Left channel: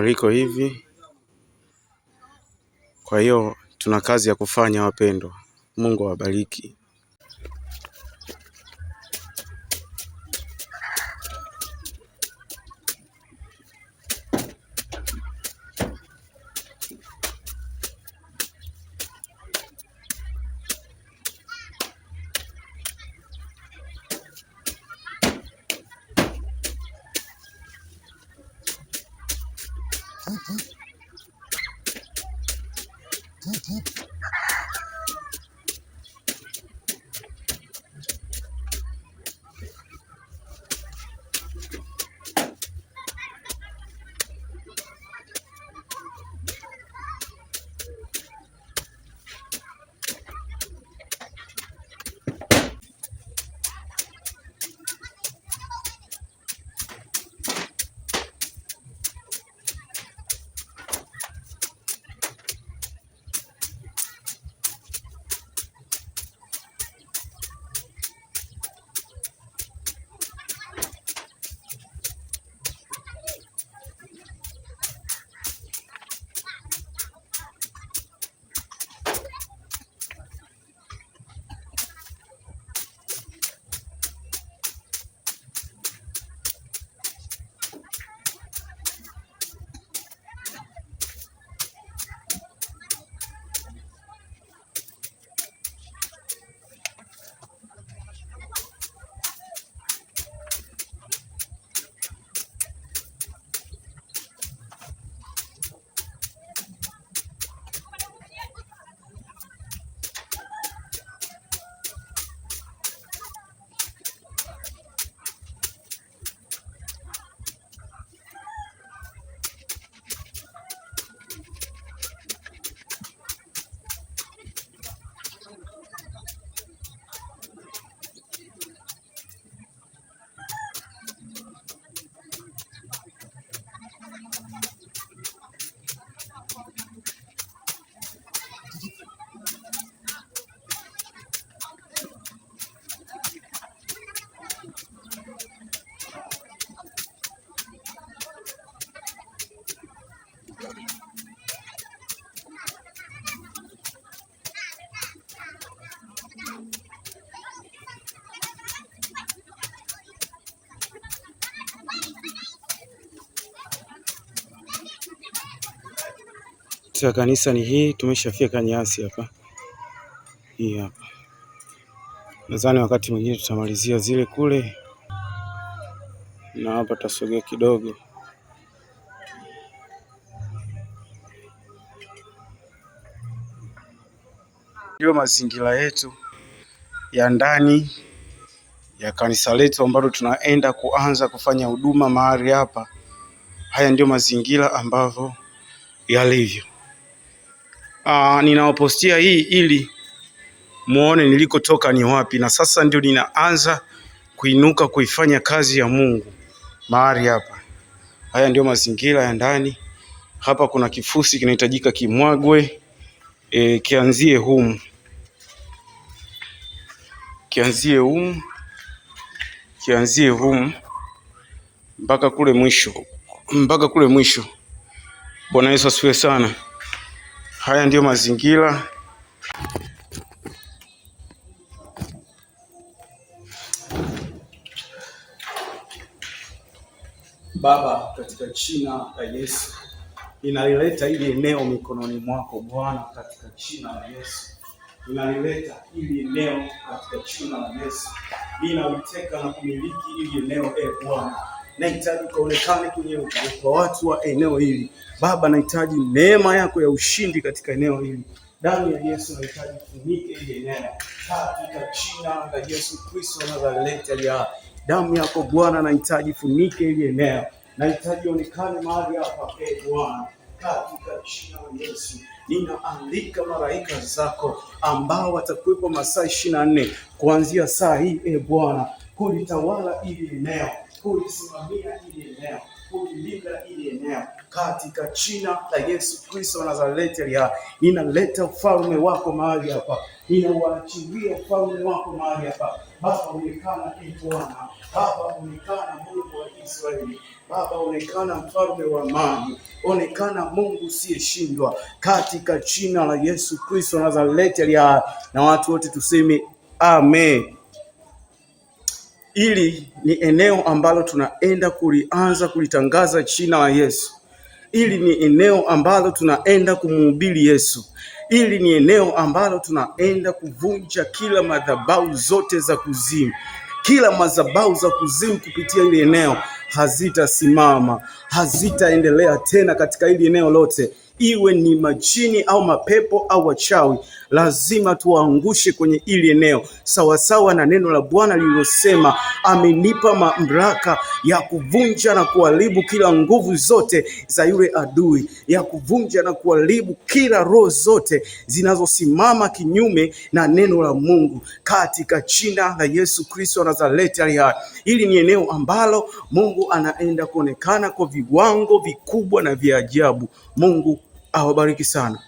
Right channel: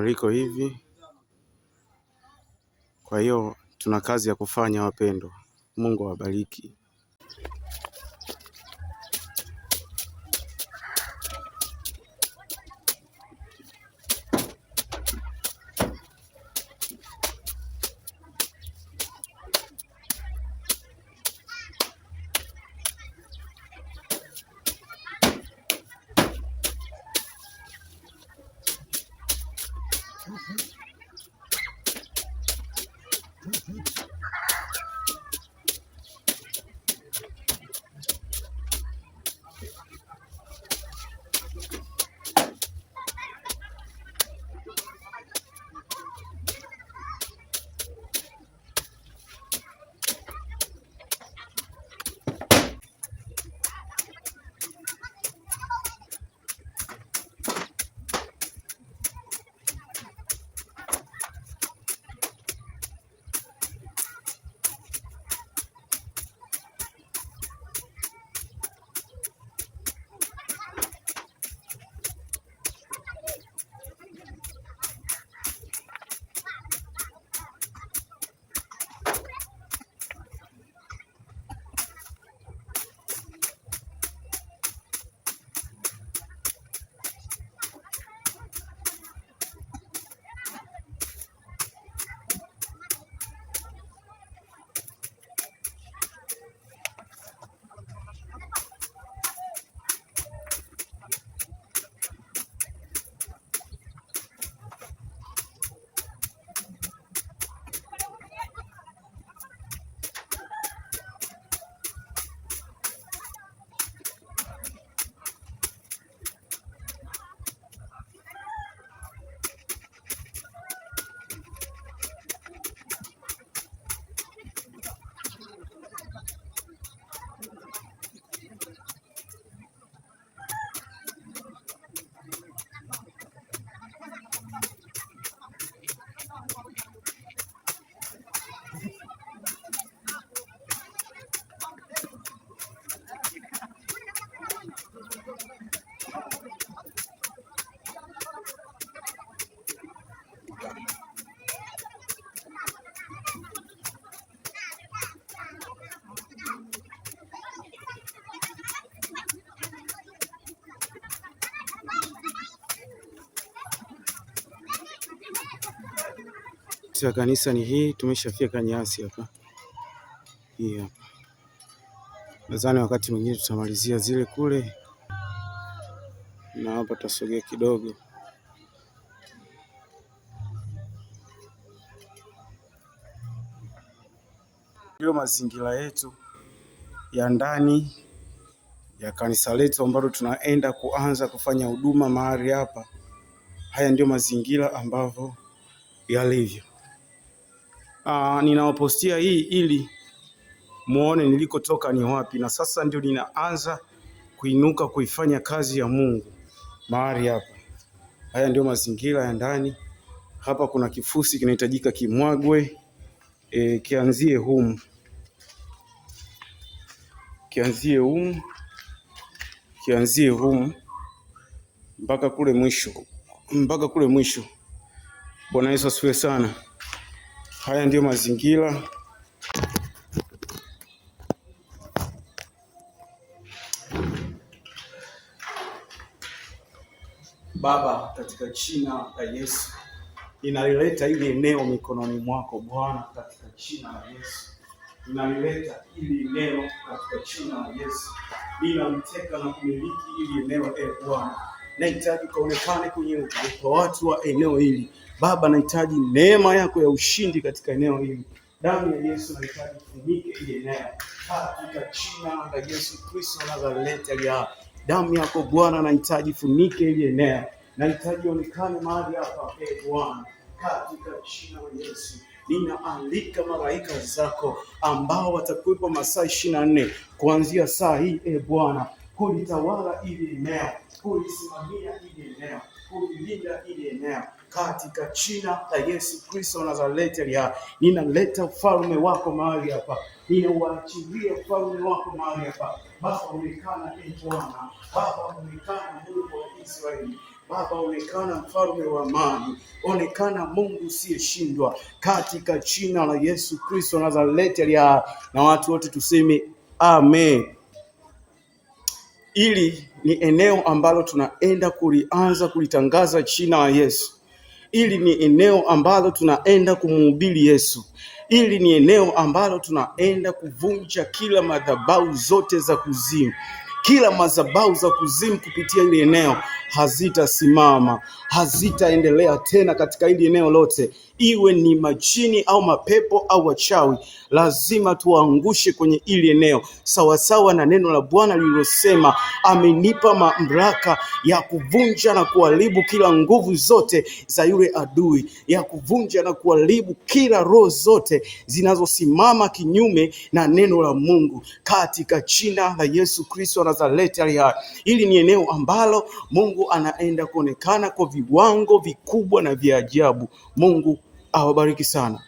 Liko hivi. Kwa hiyo tuna kazi ya kufanya wapendwa. Mungu awabariki. Ya kanisa ni hii, tumeshafika nyasi hapa. Hii hapa. Nadhani wakati mwingine tutamalizia zile kule. Na hapa tutasogea kidogo. Ndio mazingira yetu ya ndani ya kanisa letu ambalo tunaenda kuanza kufanya huduma mahali hapa. Haya ndio mazingira ambavyo yalivyo. Ninawapostia hii ili muone nilikotoka ni wapi, na sasa ndio ninaanza kuinuka kuifanya kazi ya Mungu mahali hapa. Haya ndio mazingira ya ndani. Hapa kuna kifusi kinahitajika kimwagwe, kianzie humu. Kianzie humu mpaka kule mwisho. Bwana Yesu asifiwe sana. Haya ndio mazingira. Baba, katika jina la Yesu, ninalileta hili eneo mikononi mwako Bwana, katika jina la Yesu. Ninalileta hili eneo katika jina la Yesu. Ninaliteka na kumiliki hili eneo Bwana. Nahitaji kuonekana kwenye watu wa eneo hili. Baba, nahitaji neema yako ya ushindi katika eneo hili. Damu ya Yesu nahitaji kufunike hili eneo. Katika jina la Yesu Kristo Nazareti ya damu yako Bwana, nahitaji funike hili eneo. Nahitaji onekane mahali hapa Bwana. Katika jina la Yesu ninaalika malaika zako ambao watakuwepo masaa 24 kuanzia saa hii Bwana, kulitawala hili eneo, kulisimamia hili eneo, kulilinda hili eneo katika jina la Yesu Kristo wa Nazareti. Ninaleta ufalme wako mahali hapa, ninauachilia ufalme wako mahali hapa. Baba, onekana Bwana, Baba, onekana Mungu wa Israeli. Baba, onekana mfalme wa amani, onekana Mungu usiyeshindwa, katika jina la Yesu Kristo Nazareti aliye hai, na watu wote tuseme amen. Ili ni eneo ambalo tunaenda kulianza kulitangaza jina la Yesu. Ili ni eneo ambalo tunaenda kumhubiri Yesu. Ili ni eneo ambalo tunaenda kuvunja kila madhabahu zote za kuzimu. Kila madhabahu za kuzimu kupitia hili eneo hazitasimama, hazitaendelea tena katika hili eneo lote. Iwe ni majini au mapepo au wachawi, lazima tuwaangushe kwenye hili eneo, sawasawa na neno la Bwana lililosema, amenipa mamlaka ya kuvunja na kuharibu kila nguvu zote za yule adui, ya kuvunja na kuharibu kila roho zote zinazosimama kinyume na neno la Mungu, katika jina la Yesu Kristo Nazareti aliye hai. Hili ni eneo ambalo Mungu anaenda kuonekana kwa viwango vikubwa na vya ajabu. Mungu awabariki sana.